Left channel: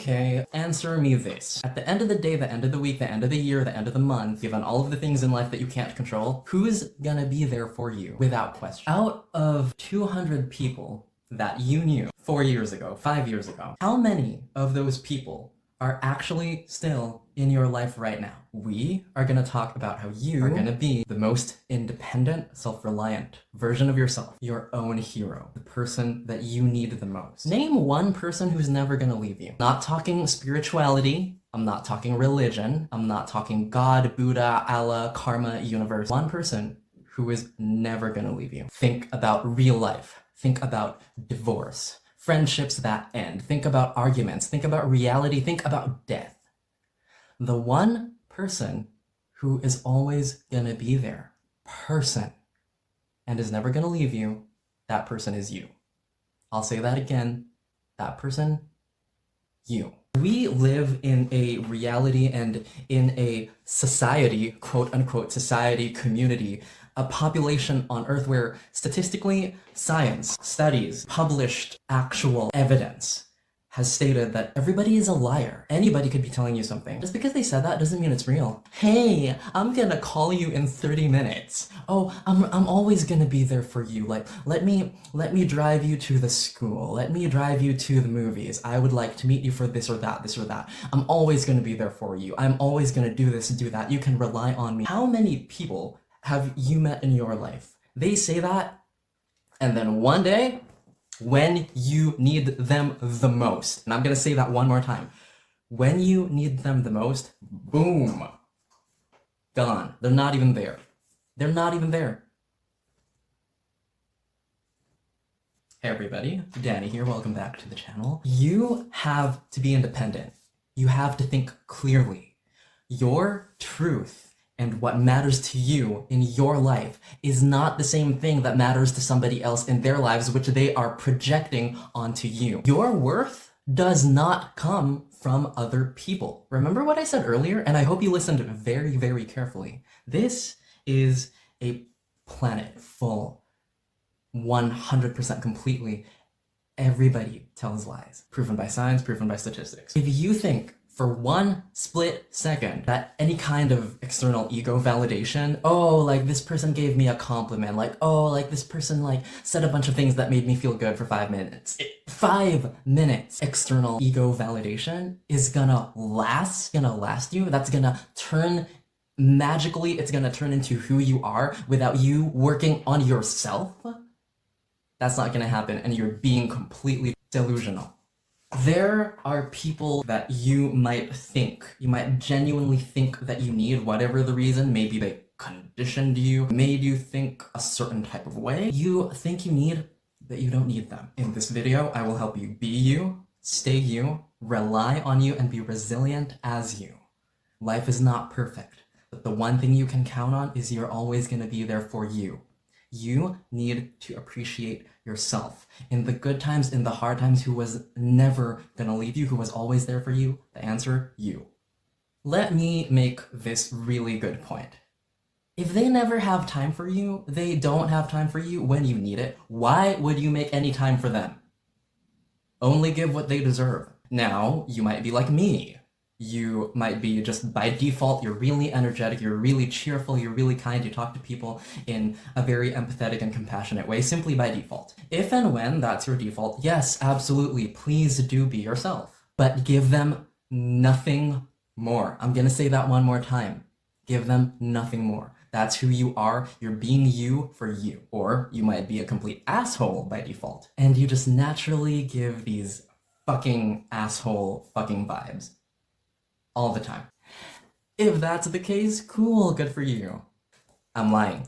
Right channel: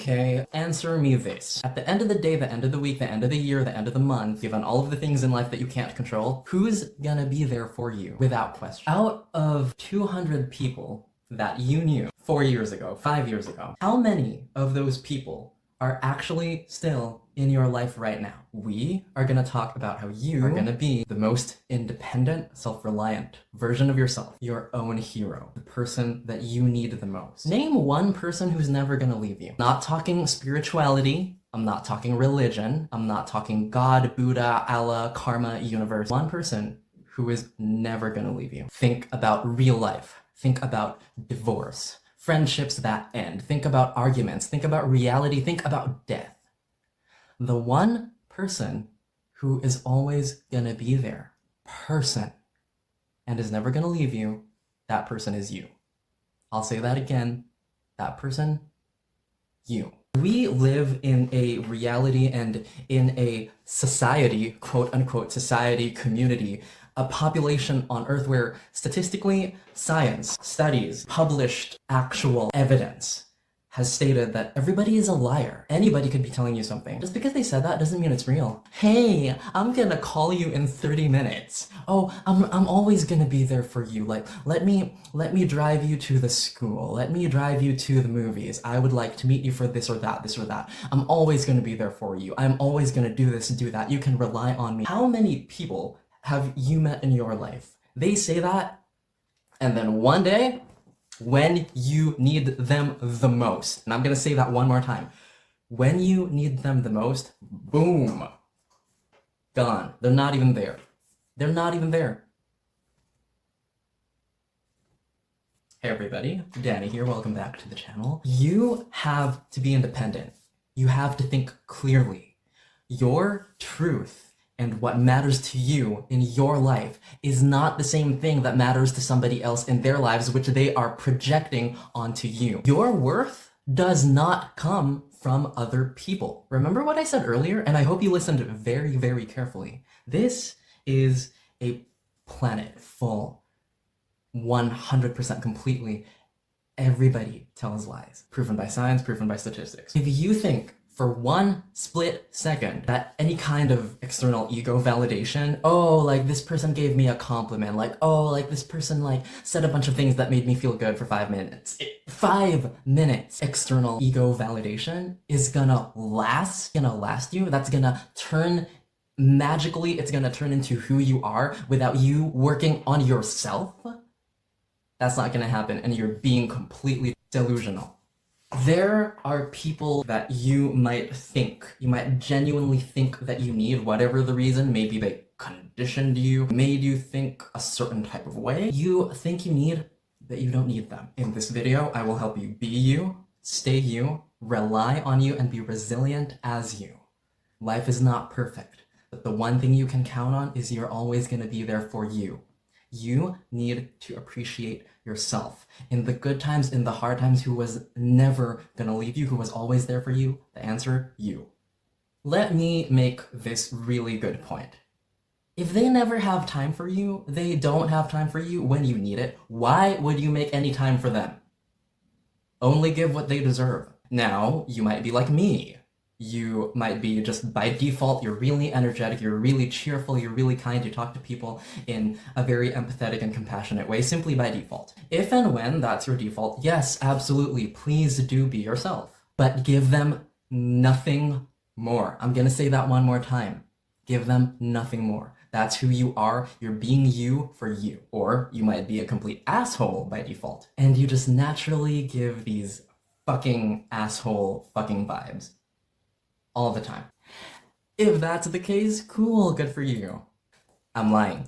Okay, answer me this. At the end of the day, the end of the week, the end of the year, the end of the month, given all of the things in life that you can't control, who's gonna be there for you? Without question. Out of 200 people that you knew 4 years ago, 5 years ago, how many of those people are actually still in your life right now? We are gonna talk about how you are gonna be the most independent, self-reliant version of yourself, your own hero, the person that you need the most. Name one person who's never gonna leave you. Not talking spirituality, I'm not talking religion, I'm not talking God, Buddha, Allah, karma, universe. One person who is never gonna leave you. Think about real life. Think about divorce. Friendships that end. Think about arguments. Think about reality. Think about death. The one person who is always gonna be there. Person. And is never gonna leave you. That person is you. I'll say that again. That person, you. We live in a reality and in a society, quote unquote, society, community, a population on Earth where statistically science, studies, published actual evidence has stated that everybody is a liar. Anybody could be telling you something. Just because they said that doesn't mean it's real. Hey, I'm gonna call you in 30 minutes. Oh, I'm always gonna be there for you. Like, let me drive you to the school. Let me drive you to the movies. I would like to meet you for this or that, this or that. I'm always gonna be there for you. I'm always gonna do this and do that. You can rely on me. How many people have you met in your life? They say that, and then one day, when you need them the most, and I'm gonna say that one more time, when you need them the most, boom, gone. They're not even there. They're not even there. Hey everybody, Danny here, welcome back to the channel. You have to be independent. You have to think clearly. Your truth and what matters to you in your life is not the same thing that matters to somebody else in their lives, which they are projecting onto you. Your worth does not come from other people. Remember what I said earlier? And I hope you listened very, very carefully. This is a planet full, 100% completely. Everybody tells lies. Proven by science, proven by statistics. If you think for one split second that any kind of external ego validation, oh, like this person gave me a compliment, like, oh, like this person like said a bunch of things that made me feel good for 5 minutes. 5 minutes external ego validation is gonna last you. That's gonna turn magically, it's gonna turn into who you are without you working on yourself. That's not gonna happen, and you're being completely delusional. There are people that you might genuinely think that you need, whatever the reason. Maybe they conditioned you, made you think a certain type of way. You think you need, but you don't need them. In this video, I will help you be you, stay you, rely on you, and be resilient as you. Life is not perfect, but the one thing you can count on is you're always going to be there for you. You need to appreciate yourself. In the good times, in the hard times, who was never gonna leave you, who was always there for you? The answer, you. Let me make this really good point. If they never have time for you, they don't have time for you when you need it, why would you make any time for them? Only give what they deserve. Now, you might be like me. You might be just by default, you're really energetic, you're really cheerful, you're really kind, you talk to people in a very empathetic and compassionate way, simply by default. If and when that's your default, yes, absolutely, please do be yourself. But give them nothing more. I'm gonna say that one more time. Give them nothing more. That's who you are, you're being you for you. Or you might be a complete asshole by default, and you just naturally give these fucking asshole fucking vibes. All the time. If that's the case, cool, good for you. I'm lying.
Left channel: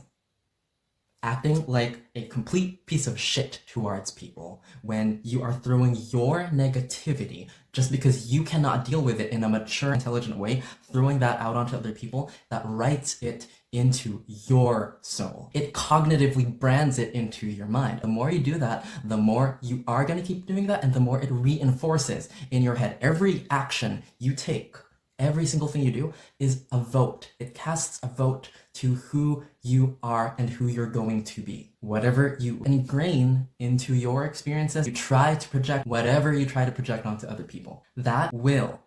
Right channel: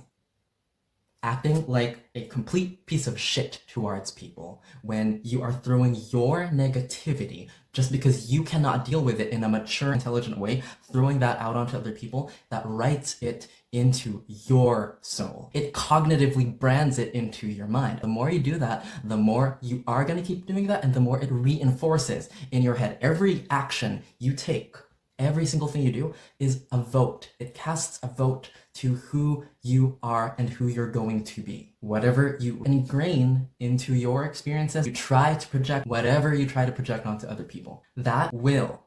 Acting like a complete piece of shit towards people when you are throwing your negativity just because you cannot deal with it in a mature, intelligent way, throwing that out onto other people, that writes it into your soul. It cognitively brands it into your mind. The more you do that, the more you are going to keep doing that, and the more it reinforces in your head. Every action you take Every single thing you do is a vote. It casts a vote to who you are and who you're going to be. Whatever you ingrain into your experiences, you try to project whatever you try to project onto other people. That will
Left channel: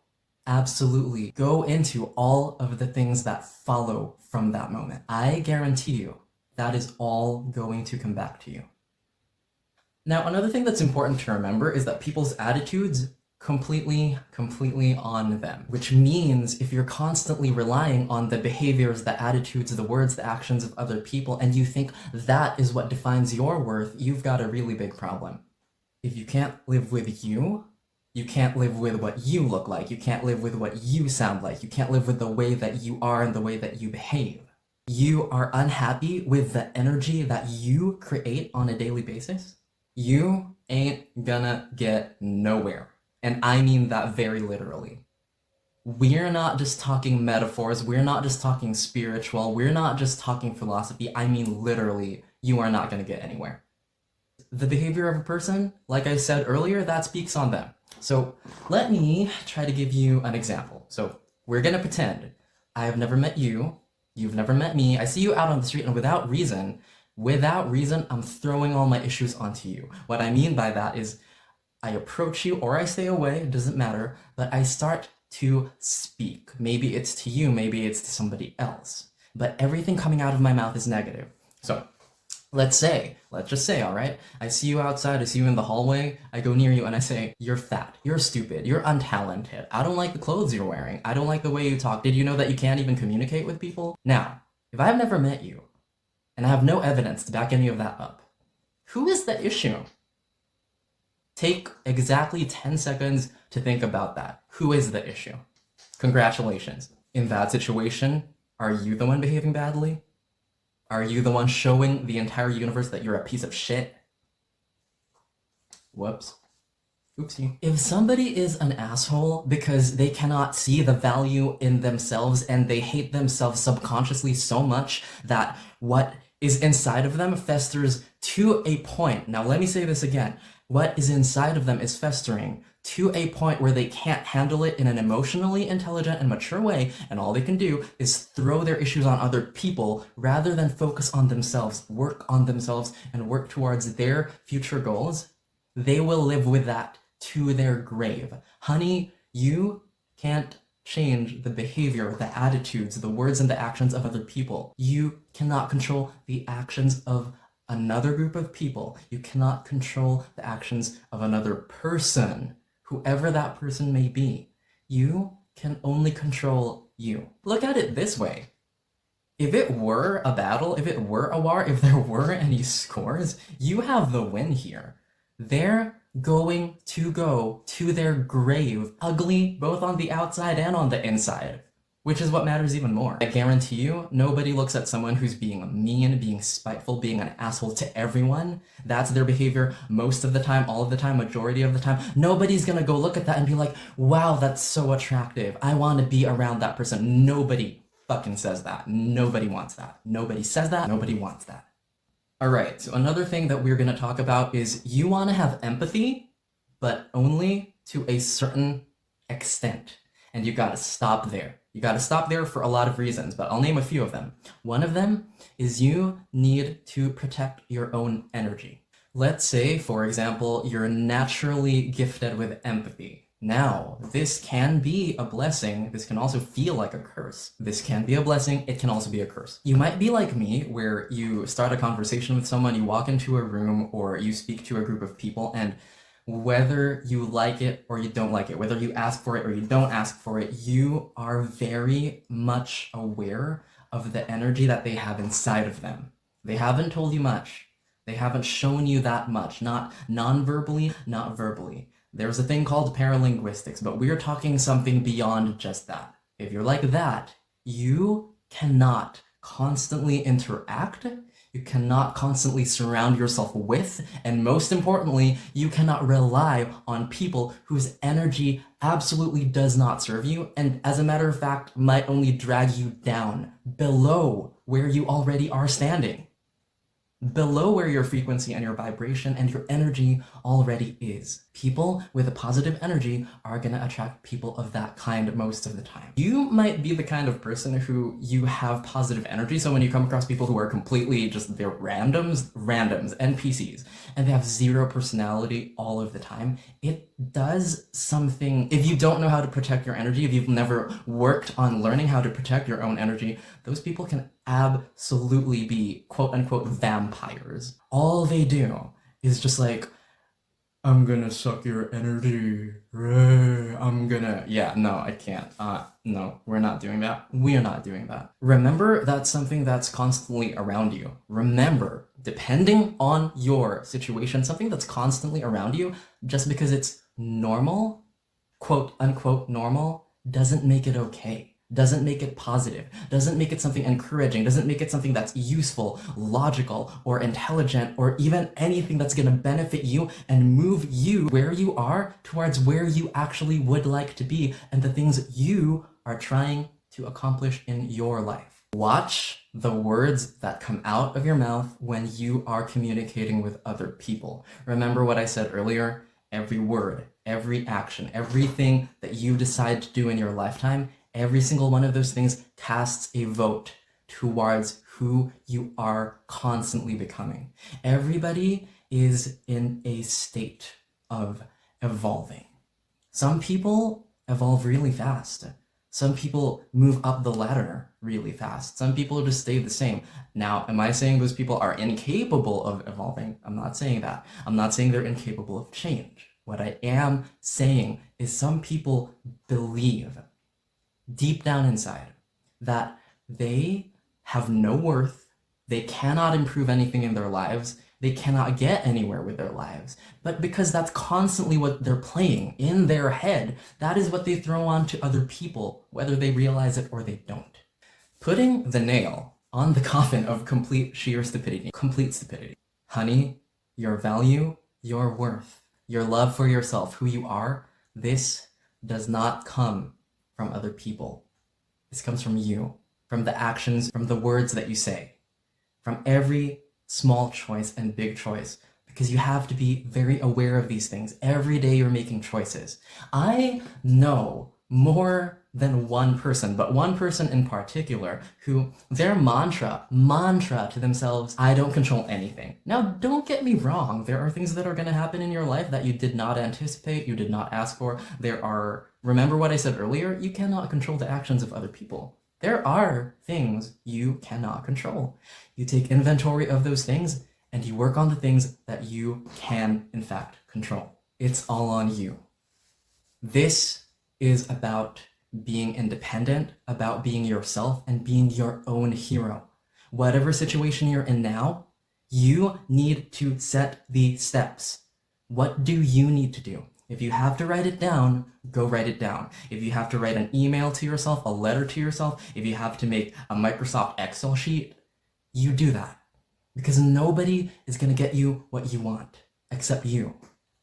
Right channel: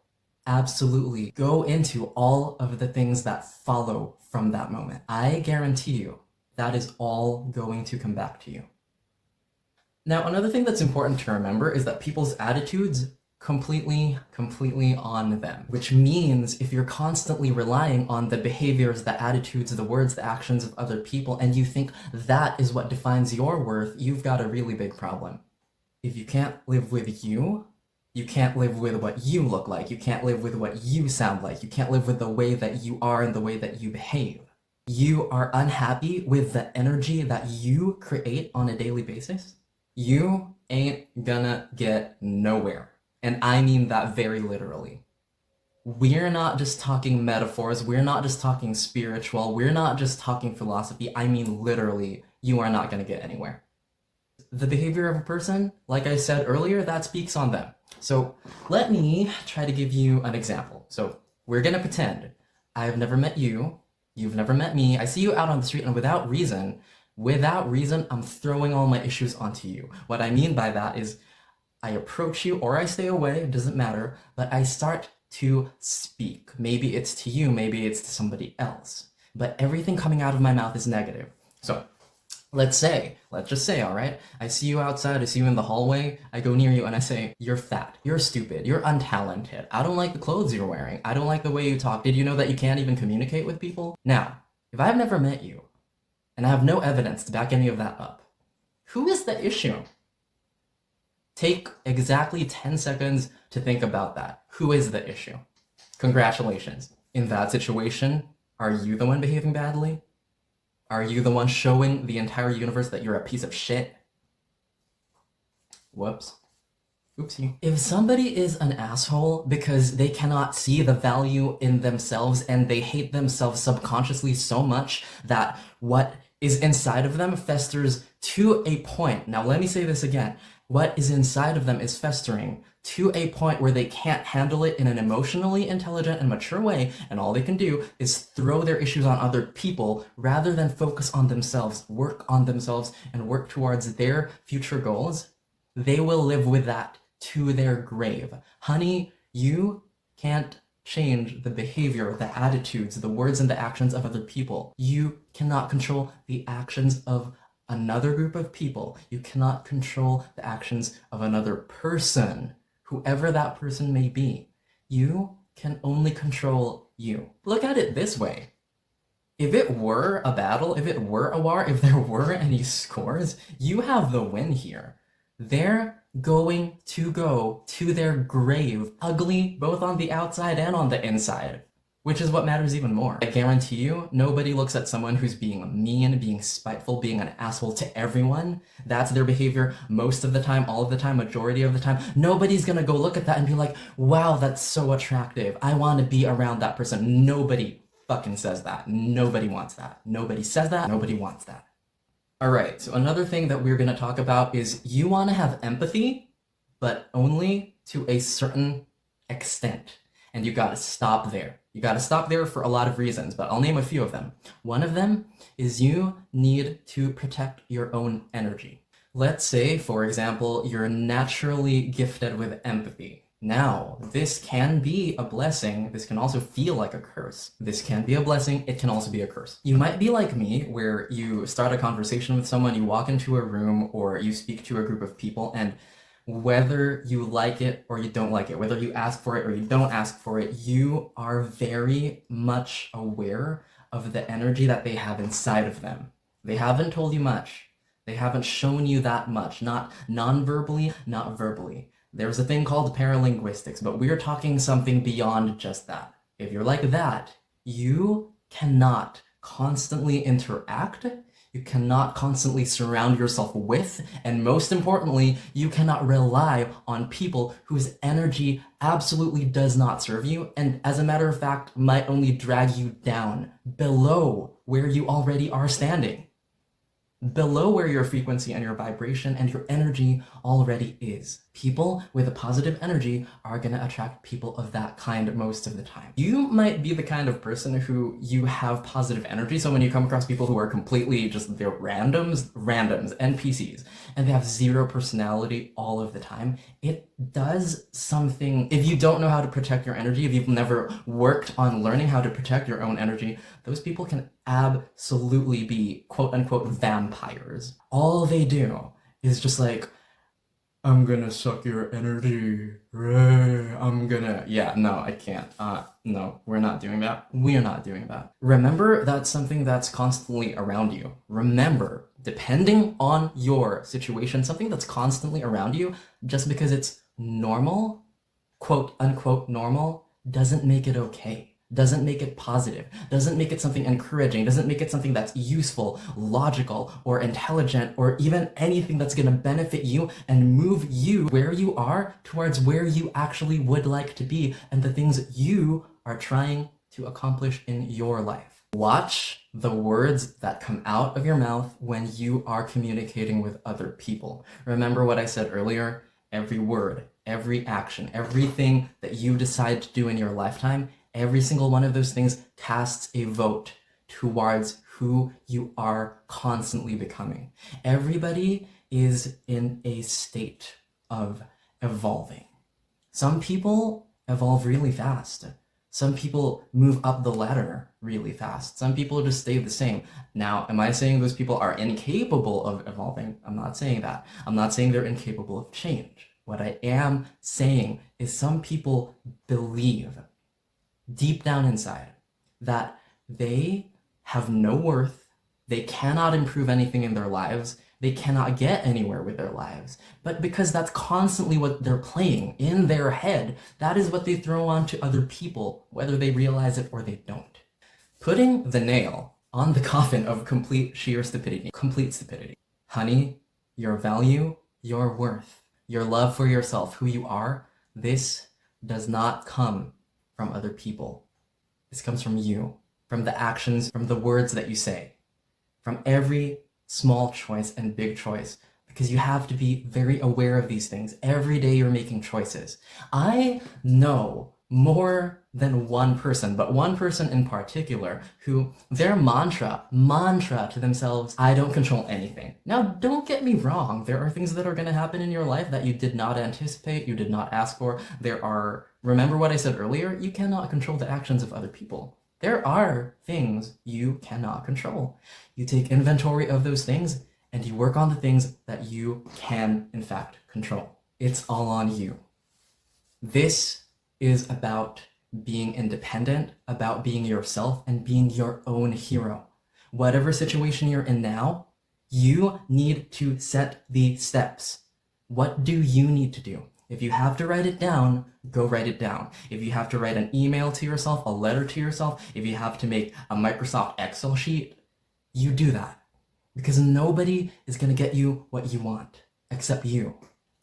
absolutely go into all of the things that follow from that moment. I guarantee you that is all going to come back to you. Now, another thing that's important to remember is that people's attitudes completely on them, which means if you're constantly relying on the behaviors, the attitudes, the words, the actions of other people, and you think that is what defines your worth, you've got a really big problem. If you can't live with you, you can't live with what you look like, you can't live with what you sound like, you can't live with the way that you are and the way that you behave. You are unhappy with the energy that you create on a daily basis, you ain't gonna get nowhere. And I mean that very literally. We're not just talking metaphors, we're not just talking spiritual, we're not just talking philosophy. I mean literally, you are not going to get anywhere. The behavior of a person, like I said earlier, that speaks on them. So let me try to give you an example. So we're going to pretend I have never met you, you've never met me, I see you out on the street, and without reason, I'm throwing all my issues onto you. What I mean by that is I approach you or I stay away, it doesn't matter, but I start to speak. Maybe it's to you, maybe it's to somebody else, but everything coming out of my mouth is negative. So let's just say, all right, I see you outside, I see you in the hallway, I go near you and I say, you're fat, you're stupid, you're untalented, I don't like the clothes you're wearing, I don't like the way you talk. Did you know that you can't even communicate with people? Now, if I've never met you and I have no evidence to back any of that up, who is the issue? Take exactly 10 seconds to think about that. Who is the issue? Congratulations. In that situation, are you the one behaving badly? Are you the one showing the entire universe that you're a piece of shit? Whoops. Oopsie. If somebody is an asshole because they cannot see the value in themselves and they hate themselves subconsciously so much that what is inside of them festers to a point. Now let me say this again. What is inside of them is festering to a point where they can't handle it in an emotionally intelligent and mature way, and all they can do is throw their issues on other people rather than focus on themselves, work on themselves, and work towards their future goals. They will live with that to their grave. Honey, you can't change the behavior, the attitudes, the words, and the actions of other people. You cannot control the actions of another group of people. You cannot control the actions of another person, whoever that person may be. You can only control you. Look at it this way. If it were a battle, if it were a war, if there were any scores, you have the win here. They're going to go to their grave, ugly both on the outside and on the inside. Which is what matters even more. I guarantee you, nobody looks at someone who's being mean, being spiteful, being an asshole to everyone. That's their behavior most of the time, all of the time, majority of the time. Nobody's gonna go look at that and be like, wow, that's so attractive. I want to be around that person. Nobody fucking says that. Nobody wants that. Nobody says that. Nobody wants that. All right, so another thing that we're gonna talk about is you wanna have empathy, but only to a certain extent. And you gotta stop there. You gotta stop there for a lot of reasons, but I'll name a few of them. One of them is you need to protect your own energy. Let's say, for example, you're naturally gifted with empathy. Now, this can be a blessing. This can also feel like a curse. This can be a blessing. It can also be a curse. You might be like me, where you start a conversation with someone, you walk into a room, or you speak to a group of people, and whether you like it or you don't like it, whether you ask for it or you don't ask for it, you are very much aware of the energy that they have inside of them. They haven't told you much. They haven't shown you that much, not non-verbally, not verbally. There's a thing called paralinguistics, but we're talking something beyond just that. If you're like that, you cannot constantly interact, you cannot constantly surround yourself with, and most importantly, you cannot rely on people whose energy absolutely does not serve you, and as a matter of fact, might only drag you down below where you already are standing. below where your frequency and your vibration and your energy already is. People with a positive energy are going to attract people of that kind most of the time. You might be the kind of person who you have positive energy, so when you come across people who are completely just, they're randoms, NPCs, and they have zero personality all of the time, it does something. If you don't know how to protect your energy, if you've never worked on learning how to protect your own energy, those people can absolutely be quote-unquote vampires. All they do is just like, I'm gonna suck your energy. No, I can't. No, we're not doing that. We're not doing that. Remember, that's something that's constantly around you. Remember, depending on your situation, something that's constantly around you, just because it's normal, quote unquote normal, doesn't make it okay. Doesn't make it positive, doesn't make it something encouraging, doesn't make it something that's useful, logical, or intelligent, or even anything that's going to benefit you and move you where you are towards where you actually would like to be and the things you are trying to accomplish in your life. Watch the words that come out of your mouth when you are communicating with other people. Remember what I said earlier? Every word, every action, everything that you decide to do in your lifetime, every single one of those things casts a vote towards who you are constantly becoming. Everybody is in a state of evolving. Some people evolve really fast. Some people move up the ladder really fast. Some people just stay the same. Now, am I saying those people are incapable of evolving? I'm not saying that. I'm not saying they're incapable of change. What I am saying is some people believe deep down inside that they have no worth, they cannot improve anything in their lives, they cannot get anywhere with their lives. But because that's constantly what they're playing in their head, that is what they throw on to other people, whether they realize it or they don't. Putting the nail on the coffin of complete sheer stupidity. Complete stupidity. Honey, your value, your worth, your love for yourself, who you are, this does not come from other people. This comes from you, from the actions, from the words that you say, from every small choice and big choice, because you have to be very aware of these things. Every day you're making choices. I know more than one person, but one person in particular who their mantra to themselves, I don't control anything. Now, don't get me wrong. There are things that are going to happen in your life that you did not anticipate, you did not ask for. Remember what I said earlier? You cannot control the actions of other people. There are things you cannot control. You take inventory of those things and you work on the things that you can, in fact, control. It's all on you. This is about being independent, about being yourself and being your own hero. Whatever situation you're in now, you need to set the steps. What do you need to do? If you have to write it down, go write it down. If you have to write an email to yourself, a letter to yourself, if you have to make a Microsoft Excel sheet, you do that. Because nobody is going to get you what you want, except you.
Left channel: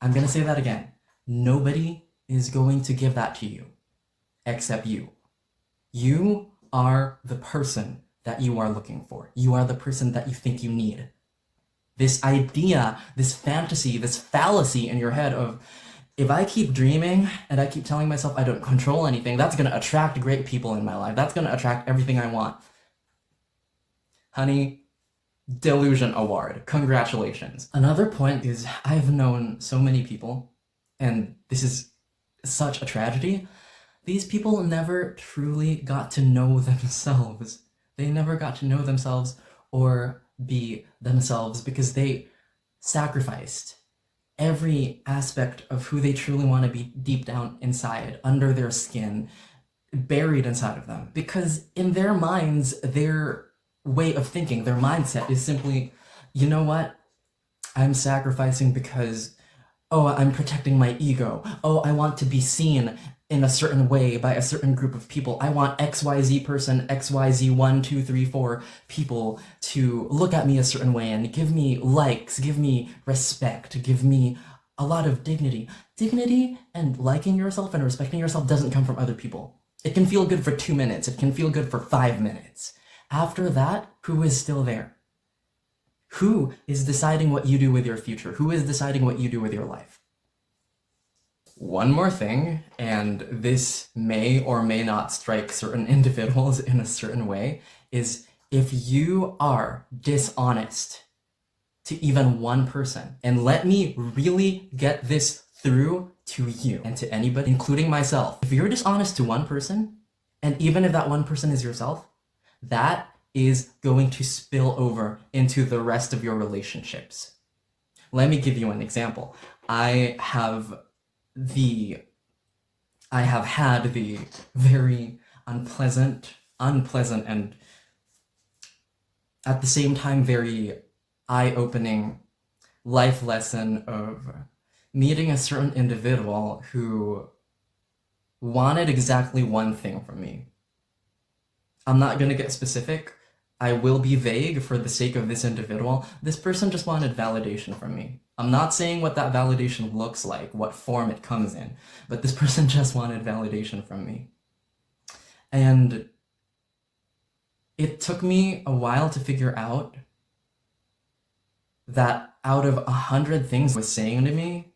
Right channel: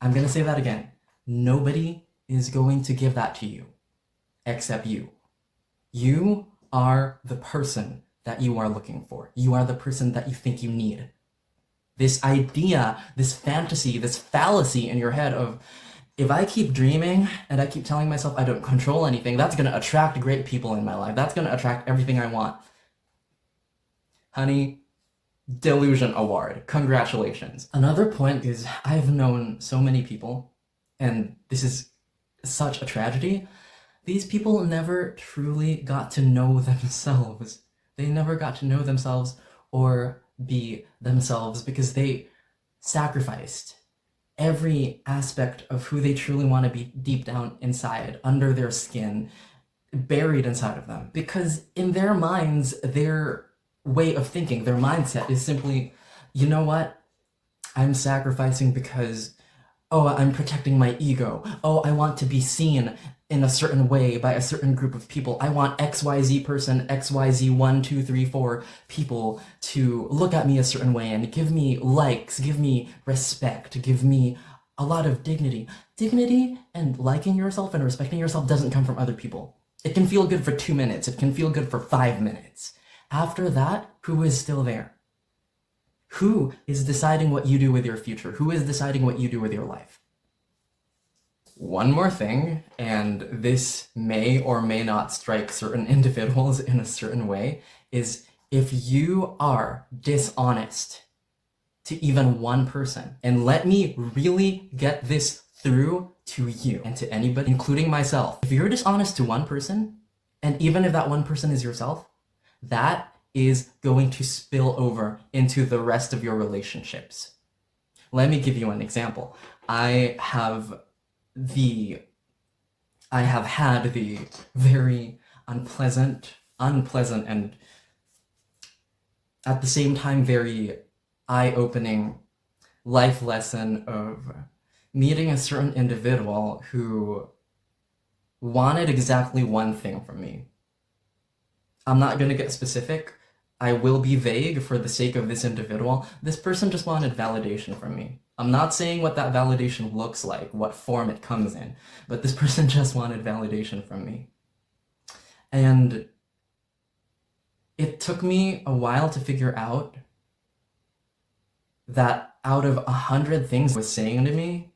I'm going to say that again. Nobody is going to give that to you, except you. You are the person that you are looking for. You are the person that you think you need. This idea, this fantasy, this fallacy in your head of, if I keep dreaming and I keep telling myself I don't control anything, that's going to attract great people in my life. That's going to attract everything I want. Honey, delusion award. Congratulations. Another point is I've known so many people, and this is such a tragedy. These people never truly got to know themselves. They never got to know themselves or be themselves because they sacrificed every aspect of who they truly want to be deep down inside, under their skin, buried inside of them. Because in their minds, their way of thinking, their mindset is simply, you know what? I'm sacrificing because, I'm protecting my ego. I want to be seen in a certain way by a certain group of people. I want XYZ person, XYZ 1, 2, 3, 4 people to look at me a certain way and give me likes, give me respect, give me a lot of dignity. Dignity and liking yourself and respecting yourself doesn't come from other people. It can feel good for 2 minutes. It can feel good for 5 minutes. After that, who is still there? Who is deciding what you do with your future? Who is deciding what you do with your life? One more thing, and this may or may not strike certain individuals in a certain way, is if you are dishonest to even one person, and let me really get this through to you and to anybody, including myself. If you're dishonest to one person, and even if that one person is yourself, that is going to spill over into the rest of your relationships. Let me give you an example. I have had the very unpleasant and at the same time very eye-opening life lesson of meeting a certain individual who wanted exactly one thing from me. I'm not going to get specific. I will be vague for the sake of this individual. This person just wanted validation from me. I'm not saying what that validation looks like, what form it comes in, but this person just wanted validation from me. And it took me a while to figure out that out of 100 things he was saying to me,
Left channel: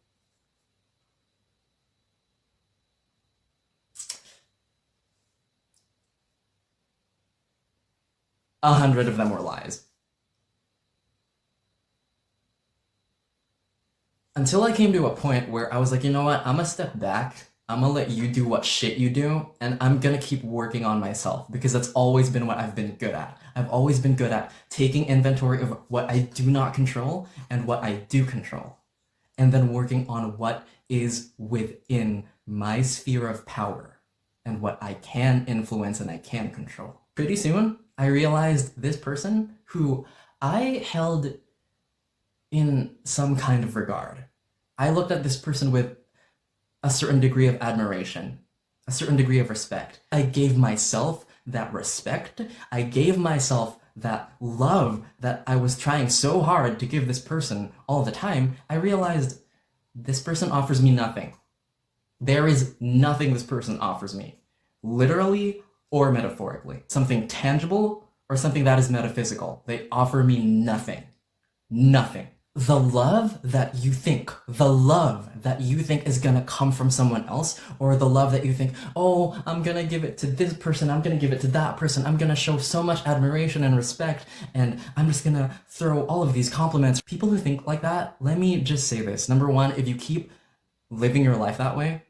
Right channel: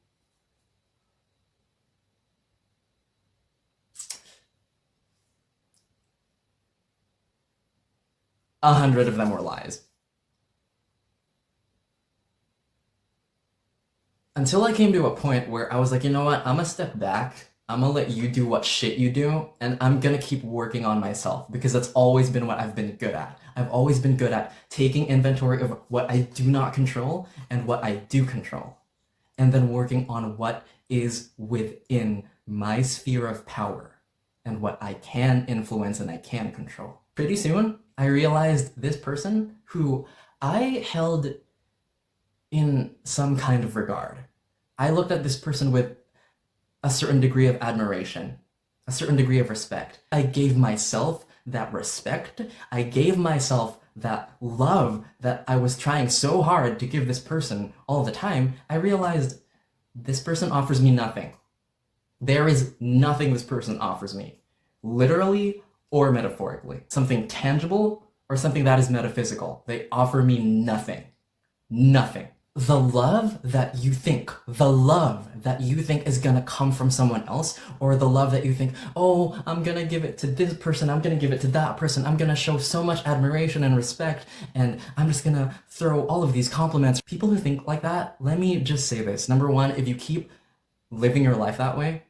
100 of them were lies. Until I came to a point where I was like, you know what, I'm gonna step back, I'm gonna let you do what shit you do, and I'm gonna keep working on myself, because that's always been what I've been good at. I've always been good at taking inventory of what I do not control and what I do control, and then working on what is within my sphere of power and what I can influence and I can control. Pretty soon, I realized this person who I held in some kind of regard. I looked at this person with a certain degree of admiration, a certain degree of respect. I gave myself that respect. I gave myself that love that I was trying so hard to give this person all the time. I realized this person offers me nothing. There is nothing this person offers me, literally or metaphorically. Something tangible or something that is metaphysical. They offer me nothing. Nothing. The love that you think is gonna come from someone else, or the love that you think, oh, I'm gonna give it to this person, I'm gonna give it to that person, I'm gonna show so much admiration and respect, and I'm just gonna throw all of these compliments. People who think like that, let me just say this. Number one, if you keep living your life that way,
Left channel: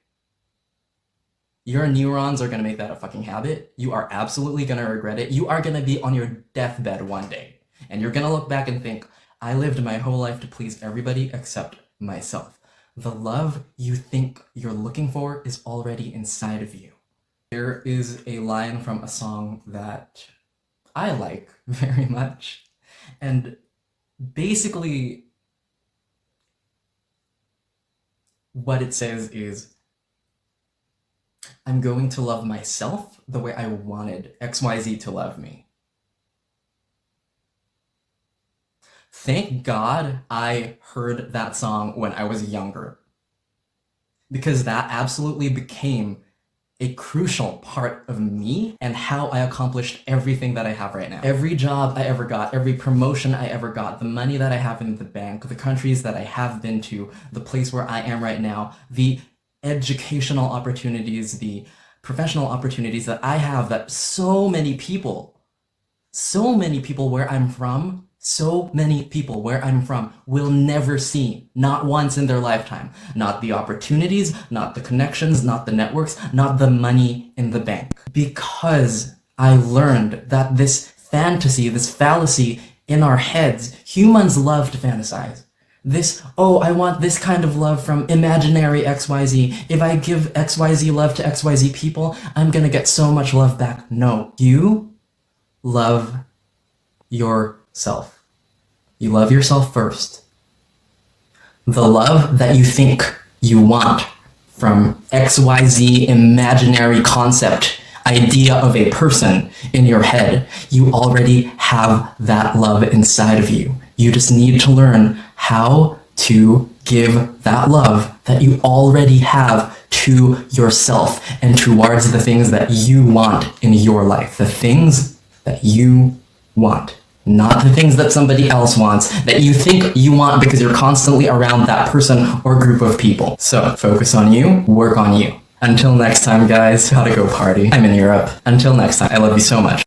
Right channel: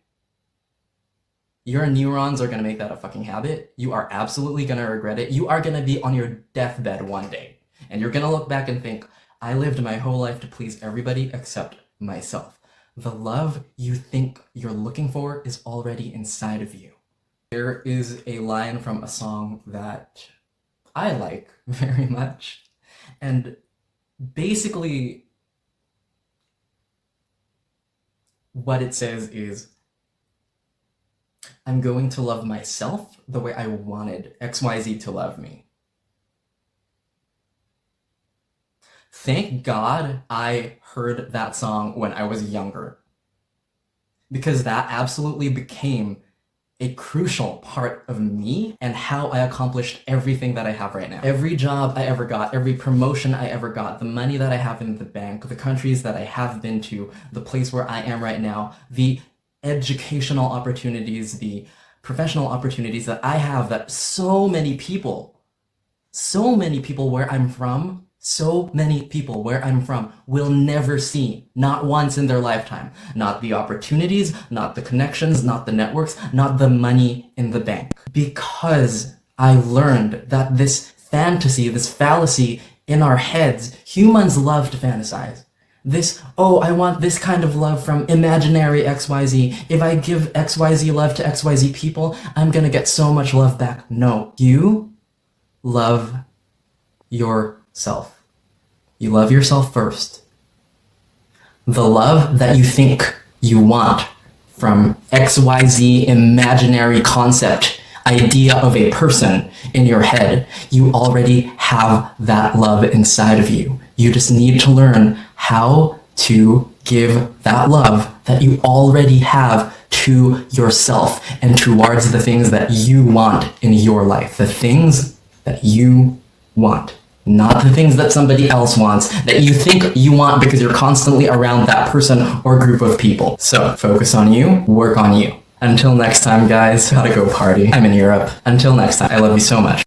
your neurons are gonna make that a fucking habit. You are absolutely gonna regret it. You are gonna be on your deathbed one day, and you're gonna look back and think, I lived my whole life to please everybody except myself. The love you think you're looking for is already inside of you. There is a line from a song that I like very much, and basically what it says is, I'm going to love myself the way I wanted XYZ to love me. Thank God I heard that song when I was younger, because that absolutely became a crucial part of me and how I accomplished everything that I have right now. Every job I ever got, every promotion I ever got, the money that I have in the bank, the countries that I have been to, the place where I am right now, the educational opportunities, the professional opportunities that I have, that so many people where I'm from, will never see, not once in their lifetime. Not the opportunities, not the connections, not the networks, not the money in the bank. Because I learned that this fantasy, this fallacy in our heads, humans love to fantasize. This, oh, I want this kind of love from imaginary XYZ. If I give XYZ love to XYZ people, I'm gonna get so much love back. No, you love yourself. You love yourself first. The love that you think you want from XYZ imaginary concept, idea of a person in your head, you already have that love inside of you. You just need to learn how to give that love that you already have to yourself and towards the things that you want in your life. The things that you want. not the things that somebody else wants, that you think you want because you're constantly around that person or group of people. So focus on you, work on you. Until next time, guys, gotta go party. I'm in Europe. Until next time, I love you so much.